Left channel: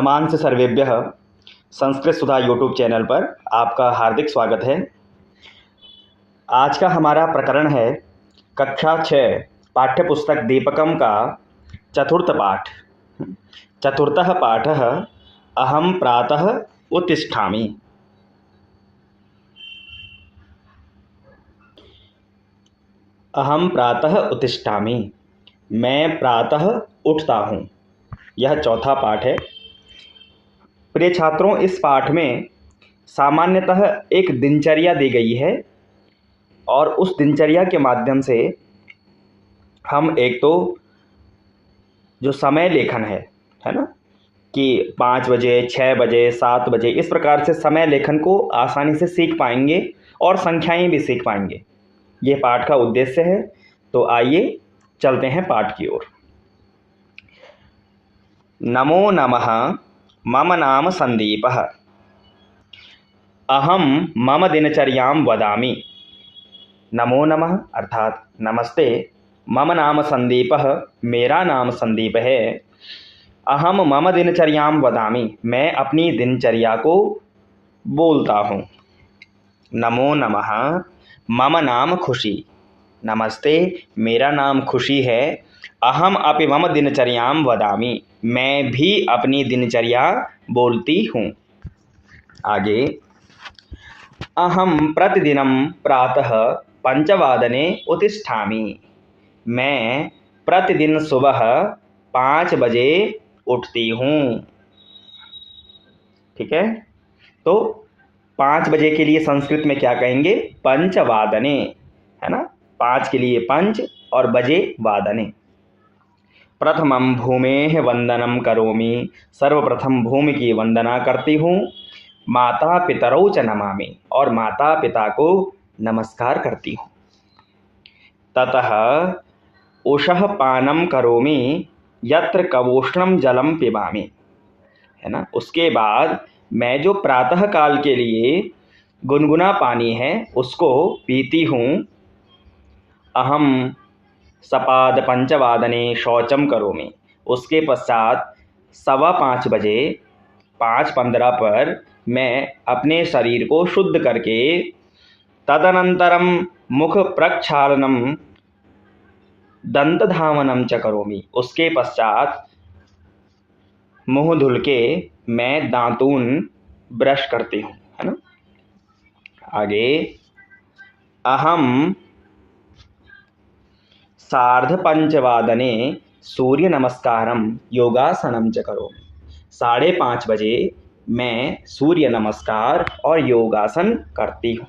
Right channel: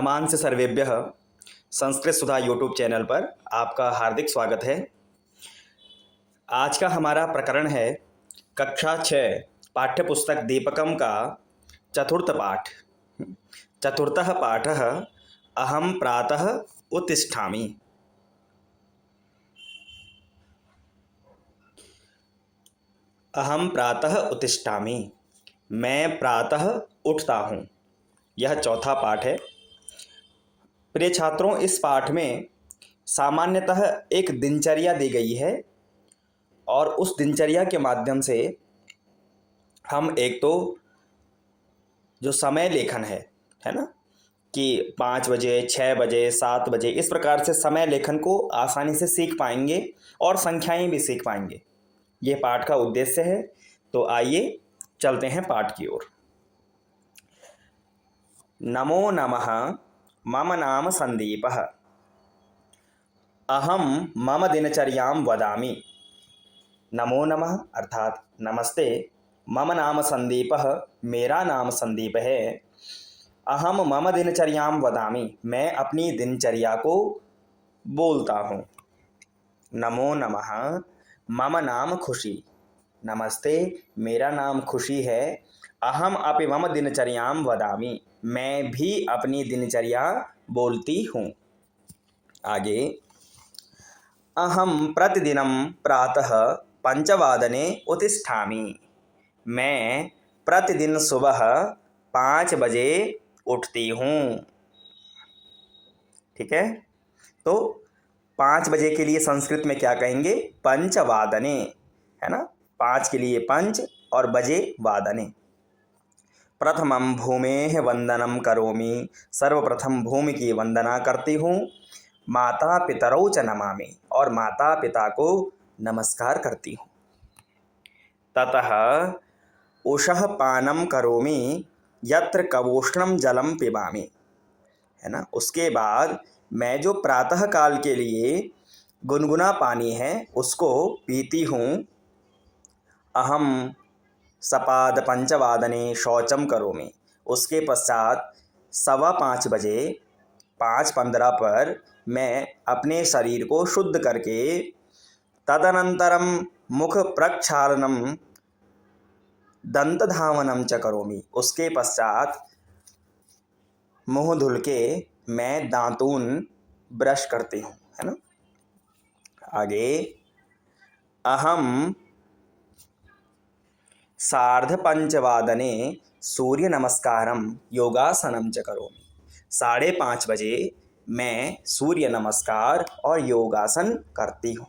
नमान से सर्वेभ्यः संस्कृत सुधा YouTube channel पर आपका हार्दिक स्वागत है। आज का हमारा प्रकरण है कक्षा 6 पाठ्य पुस्तक दीपकम का चतुर्थ पाठ। चतुर्थः पाठः अहम प्रातः उत्तिष्ठामि। अहम प्रातः उत्तिष्ठामि, मैं प्रातः उठता हूँ। यह चौथा पाठ है। प्रिय छात्रों, इस पाठ में सामान्यतः एक दिनचर्या दी गई है और उस दिनचर्या के माध्यम से हम एक तो जो समय लेखन है ना, कि 5 बजे, 6 बजे, 7 बजे, इस प्रकार से समय लेखन को आसानी से सीख पाएंगे और संख्याएं भी सीख पाएंगे। ये पाठ का उद्देश्य है। तो आइए चलते हैं पाठ की ओर। नमो नमः, मम नाम संदीपः। अहम मम दिनचर्यां वदामि। नमो नमः अर्थात नमस्ते। मम नाम संदीपः, मेरा नाम संदीप है। अहम मम दिनचर्यां वदामि, मैं अपनी दिनचर्या को बोलता हूँ। नमो नमः, मम नाम खुशी। नमस्ते, मेरा नाम खुशी है। अहम अपि मम दिनचर्यां वदामि, मैं भी अपनी दिनचर्या बोलती हूँ। आगे, अहम प्रतिदिनं प्रातः 5 उत्तिष्ठामि। मैं प्रतिदिन सुबह 5 बजे उठती हूँ। ठीक है, तो 5 बजे के लिए संस्कृत में क्या कहेंगे? पंचवादने, है ना। 5 के लिए पंच और बजे वादने। प्रथमं भूमेः वंदनम करोमि, सर्वप्रथम भूमि की वंदना करती हूँ। माता पितरौ च नमामि, और माता पिता को नमस्कार करती हूँ। ततः उषः पानं करोमि, यत्र कवोष्णं जलं पिबामि, है ना। उसके बाद मैं जो प्रातः काल के लिए गुनगुना पानी है उसको पीती हूँ। अहम सपाद पंचवादने शौचम करोमि, उसके पश्चात 5:15 बजे 5:15 पर मैं अपने शरीर को शुद्ध करके तदनंतरम मुख प्रक्षालनम दंतधावनम च करोमि, उसके पश्चात मुंह धुल के मैं दांतून ब्रश करती हूँ, है ना। आगे, अहम 5:30 सूर्य नमस्कारम योगासनम च करोमि। 5:30 बजे मैं सूर्य नमस्कार और योगासन करती हूँ।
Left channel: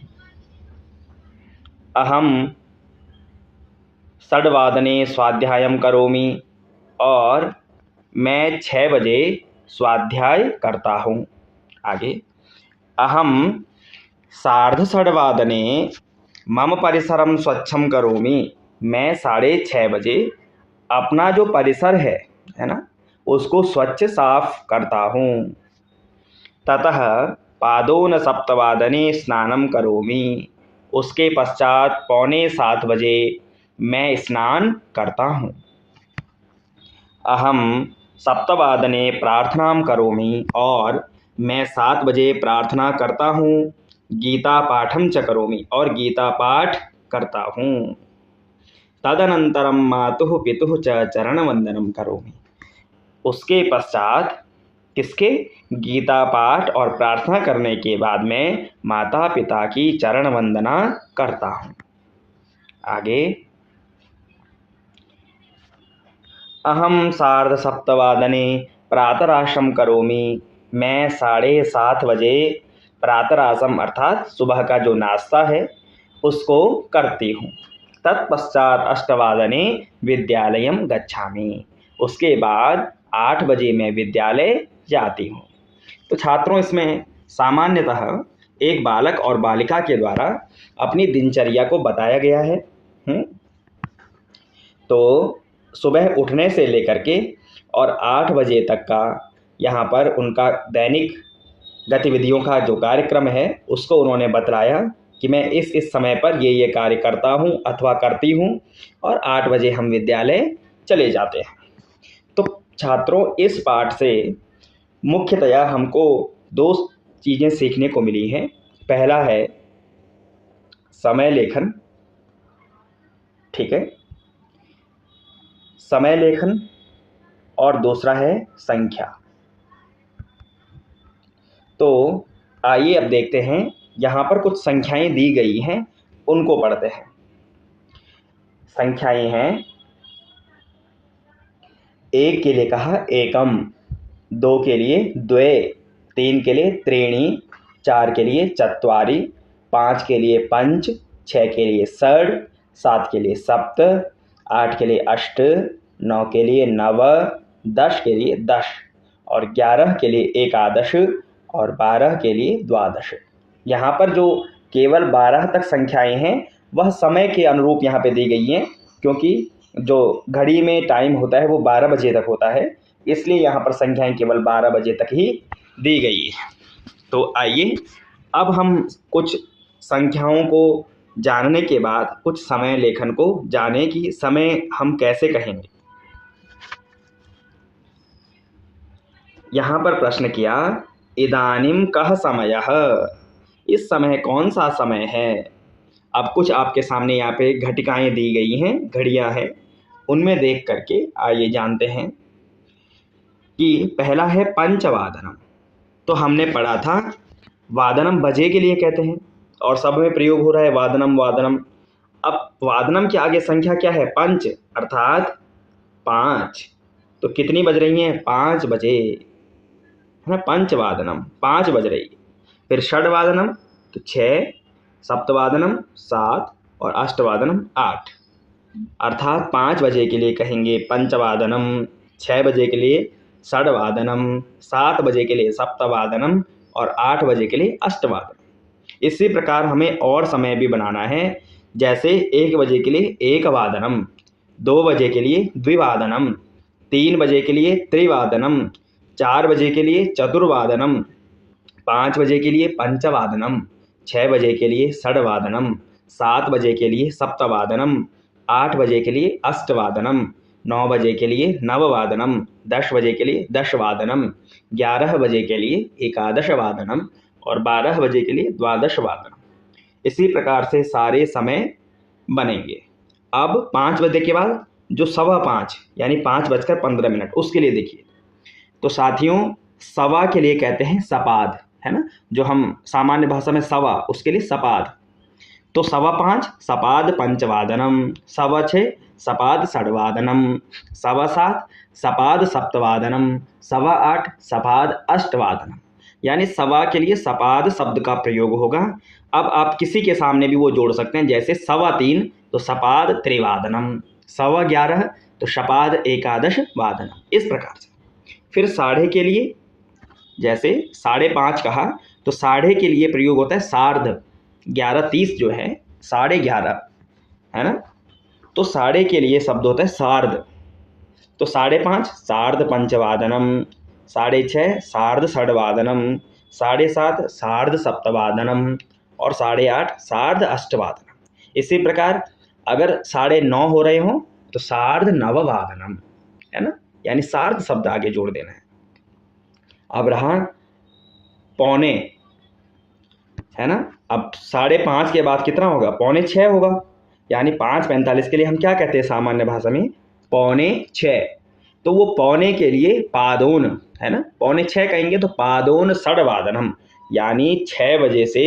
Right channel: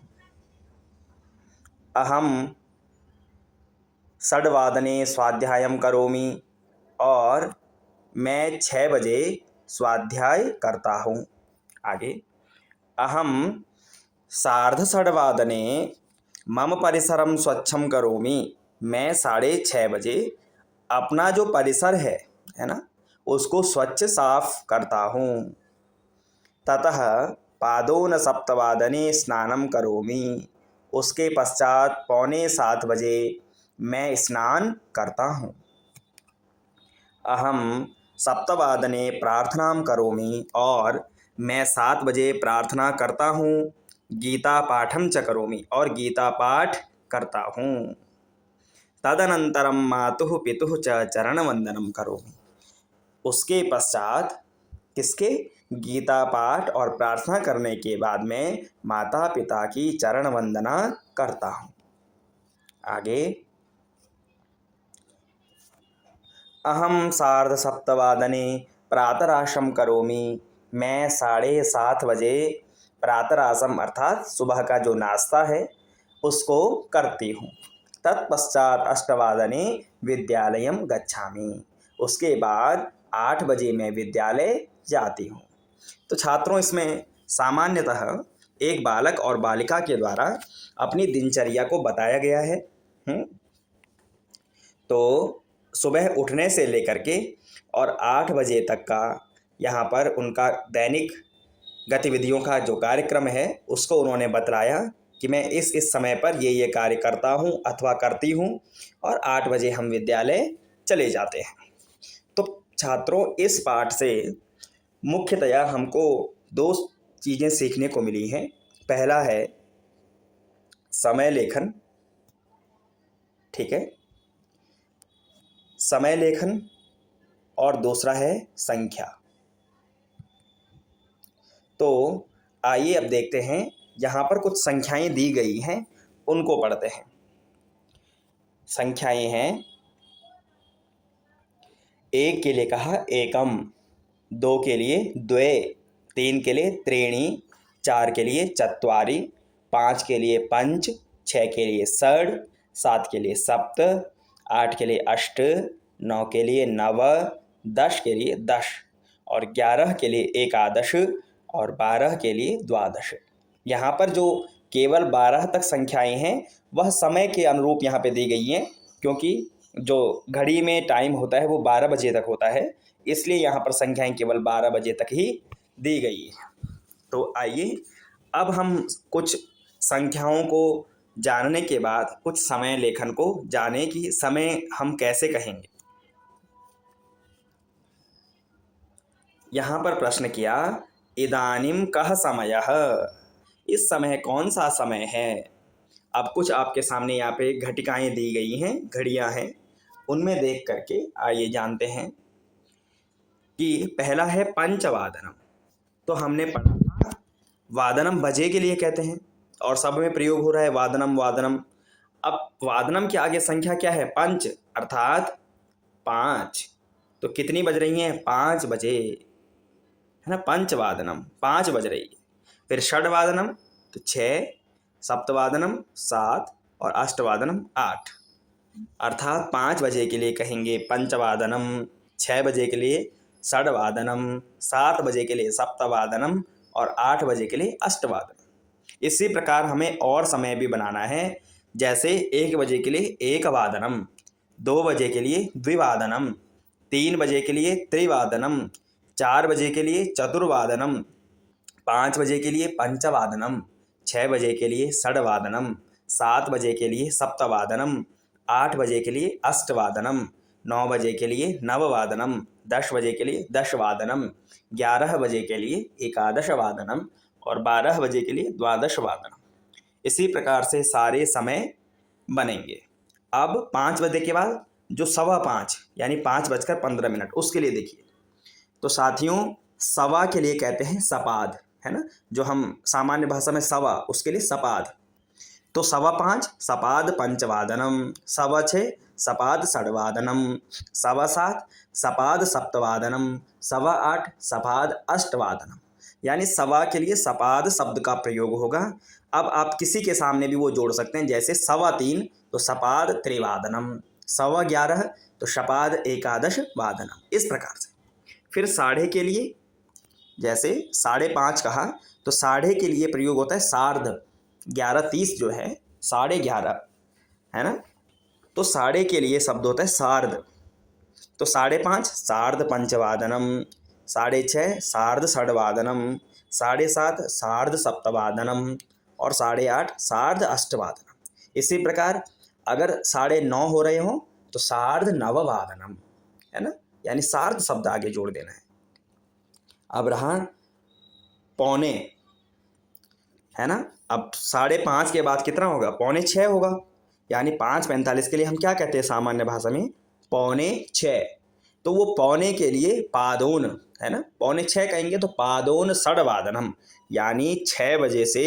अहम 6:00 स्वाध्यायम करोमि, और मैं 6 बजे स्वाध्याय करता हूँ। आगे, अहम 6:30 मम परिसरम स्वच्छम करोमि, मैं 6:30 बजे अपना जो परिसर है ना, उसको स्वच्छ साफ करता हूँ। ततः पादोन 7:15 स्नानम करोमि, उसके पश्चात 6:45 बजे मैं स्नान करता हूँ। अहम 7:00 प्रार्थनाम करोमि, और मैं 7 बजे प्रार्थना करता हूँ। गीता पाठम च करोमि, और गीता पाठ करता हूँ। तदनंतरम मातुः पितुः च चरणवंदनम करोमि, उसके पश्चात किसके? गीता पाठ और प्रार्थना करने के बाद में माता पिता की चरण वंदना करता हूँ। आगे, अहम 7:30 प्रातराशम करोमि, मैं 7:30 बजे प्रातराशम अर्थात सुबह का जो नाश्ता है उसको करती हूँ। तत्पश्चात 8:00 विद्यालयम गच्छामि, उसके बाद 8 बजे मैं विद्यालय जाती हूँ। तो छात्रों, इसमें सामान्यतः एक बालक और बालिका के द्वारा अपनी दिनचर्या को बताया गया है। तो सुबह उठने से लेकर के और 8 बजे तक का यहाँ पर उनका दैनिक गतिविधियों का जो कार्यक्रम है उसको उन्होंने बतलाया कि मैं इस समय पर ये कार्य करता हूँ अथवा करती हूँ, और 8 बजे हम विद्यालय चले जाते हैं। तो छात्रों, इस पाठ से मुख्यतया हमको दो चीज़ें सीखने को मिली हैं। पहला है समय लेखन, ठीक है, समय लेखन, और दूसरा है संख्या। तो आइए अब देखते हैं, यहाँ पर कुछ संख्याएं दी गई हैं, उनको पढ़ते हैं। संख्याएं हैं, 1 के लिए कहा एकम, 2 के लिए द्वे, 3 के लिए त्रीणि, 4 के लिए चत्वारि, 5 के लिए पंच, 6 के लिए षड, 7 के लिए सप्त, 8 के लिए अष्ट, 9 के लिए नव, 10 के लिए दश, और 11 के लिए एकादश, और 12 के लिए द्वादश। यहाँ पर जो केवल 12 तक संख्याएं हैं वह समय के अनुरूप यहाँ पे दी गई हैं, क्योंकि जो घड़ी में टाइम होता है वो 12 बजे तक होता है, इसलिए यहाँ पर संख्याएं केवल 12 बजे तक ही दी गई है। तो आइए अब हम कुछ संख्याओं को जानने के बाद कुछ समय लेखन को जाने कि समय हम कैसे कहेंगे। यहाँ पर प्रश्न किया, इदानीम कः समयः, इस समय कौन सा समय है। अब कुछ आपके सामने यहाँ पे घटिकाएं दी गई हैं, घड़ियां हैं, उनमें देख करके आइए जानते हैं कि पहला है पंचवादनम। तो हमने पढ़ा था वादनम बजे के लिए कहते हैं, और सब में प्रयोग हो रहा है वादनम वादनम। अब वादनम के आगे संख्या क्या है, पंच, अर्थात 5। तो कितनी बज रही हैं, 5 बजे, है ना, पंचवादनम 5 बज रही है। फिर षडवादनम तो 6, सप्तवादनम 7, और अष्टवादनम 8, अर्थात 5 बजे के लिए कहेंगे पंचवादनम, 6 बजे के लिए षडवादनम, 7 बजे के लिए सप्तवादनम, और 8 बजे के लिए अष्टवादनम। इसी प्रकार हमें और समय भी बनाना है, जैसे 1 बजे के लिए एकवादनम, 2 बजे के लिए द्विवादनम, 3 बजे के लिए त्रिवादनम, 4 बजे के लिए चतुर्वादनम, 5 बजे के लिए पंचवादनम, 6 बजे के लिए षडवादनम, 7 बजे के लिए सप्तवादनम, 8 बजे के लिए अष्टवादनम, 9 बजे के लिए नववादनम, 10 बजे के लिए दशवादनम, 11 बजे के लिए एकादशवादनम, और 12 बजे के लिए द्वादशवादनम। इसी प्रकार से सारे समय बनेंगे। अब 5 बजे के बाद जो 5:15 यानी 5:15 उसके लिए देखिए। तो साथियों, सवा के लिए कहते हैं सपाद, है ना, जो हम सामान्य भाषा में सवा, उसके लिए सपाद। तो 5:15 सपाद पंचवादनम, 6:15 सपाद षडवादनम, 7:15 सपाद सप्तवादनम, 8:15 सपाद अष्टवादनम। यानी सवा के लिए सपाद शब्द का प्रयोग होगा। अब आप किसी के सामने भी वो जोड़ सकते हैं, जैसे 3:15 तो सपाद त्रिवादनम, 11:15 तो सपाद एकादश वादनम, इस प्रकार से। फिर साढ़े के लिए, जैसे 5:30 कहा तो साढ़े के लिए प्रयोग होता है सार्ध, 11:30 जो है 11:30, है ना, तो साढ़े के लिए शब्द होता है सार्ध। तो 5:30 सार्ध पंचवादनम, 6:30 सार्ध षडवादनम, 7:30 सार्ध सप्तवादनम, और 8:30 सार्ध अष्टवादनम। इसी प्रकार अगर 9:30 हो रहे हों तो सार्ध नववादनम, है ना, यानी सार्ध शब्द आगे जोड़ देना है। अब रहा पौने, है ना, अब 5:30 के बाद कितना होगा, 5:45 होगा, यानी 5:45 के लिए हम क्या कहते हैं सामान्य भाषा में, 5:45। तो वो पौने के लिए पादोन, है ना, 5:45 कहेंगे तो पादोन षडवादनम, यानी 6 बजे से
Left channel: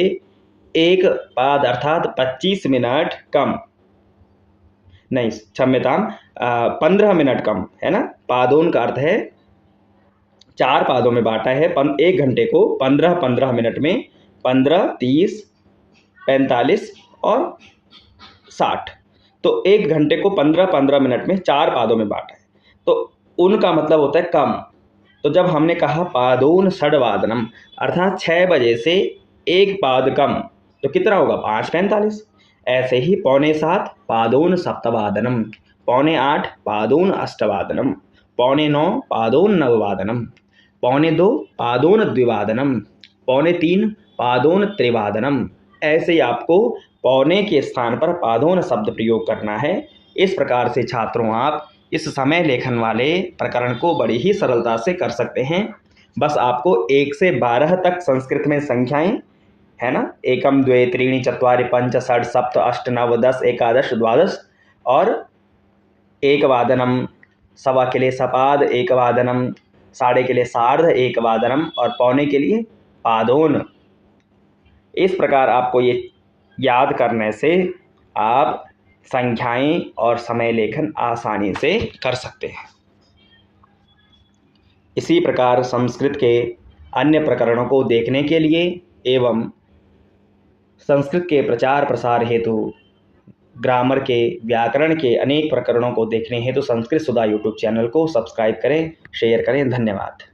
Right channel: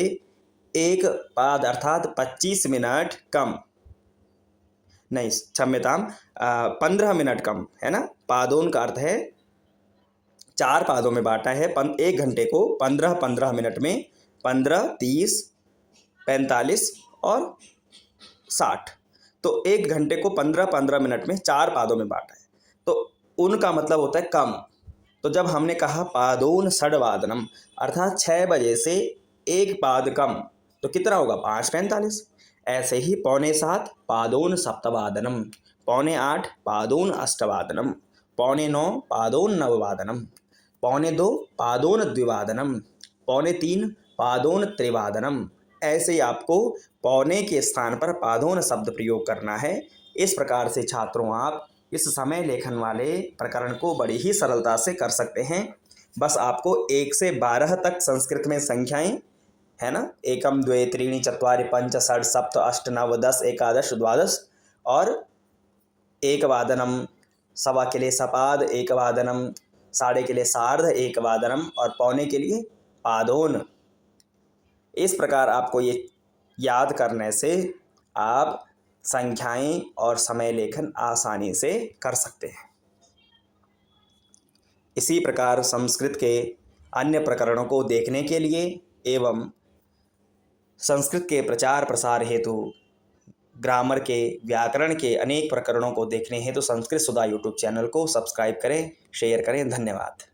1 पाद अर्थात 25 मिनट कम, नहीं क्षम्यताम 15 मिनट कम, है ना। पादोन का अर्थ है 4 पादों में बांटा है, 1 घंटे को 15-15 मिनट में 15, 30, 45 और 60। तो 1 घंटे को 15-15 मिनट में 4 पादों में बांटा है, तो उनका मतलब होता है कम। तो जब हमने कहा पादोन षडवादनम अर्थात 6 बजे से 1 पाद कम, तो कितना होगा, 5:45। ऐसे ही 7:15 पादोन सप्तवादनम, 7:15 पादोन अष्टवादनम, 8:45 पादोन नववादनम, 2:15 पादोन द्विवादनम, 3:15 पादोन त्रिवादनम। ऐसे ही आपको पौने के स्थान पर पादोन शब्द प्रयोग करना है। इस प्रकार से छात्रों आप इस समय लेखन वाले प्रकरण को बड़ी ही सरलता से कर सकते हैं। बस आपको 1 से 12 तक संस्कृत में संख्याएं, है ना, एकम द्वे त्रीणि चत्वारि पंच षट् सप्त अष्ट नव 10 एकादश द्वादश, और एकवादनम, सवा के लिए सपाद, एकवादनम, साढ़े के लिए सार्ध एकवादनम, और पौने के लिए पादोन। इस प्रकार आपको ये याद करने से आप संख्याएं और समय लेखन आसानी से कर सकते हैं। इसी प्रकार संस्कृत के अन्य प्रकरणों को देखने के लिए एवं संस्कृत के प्रचार प्रसार हेतु ग्रामर के, व्याकरण के अनेक प्रकरणों को देखने हेतु संस्कृत सुधा यूट्यूब चैनल को सब्सक्राइब करें, शेयर करें। धन्यवाद।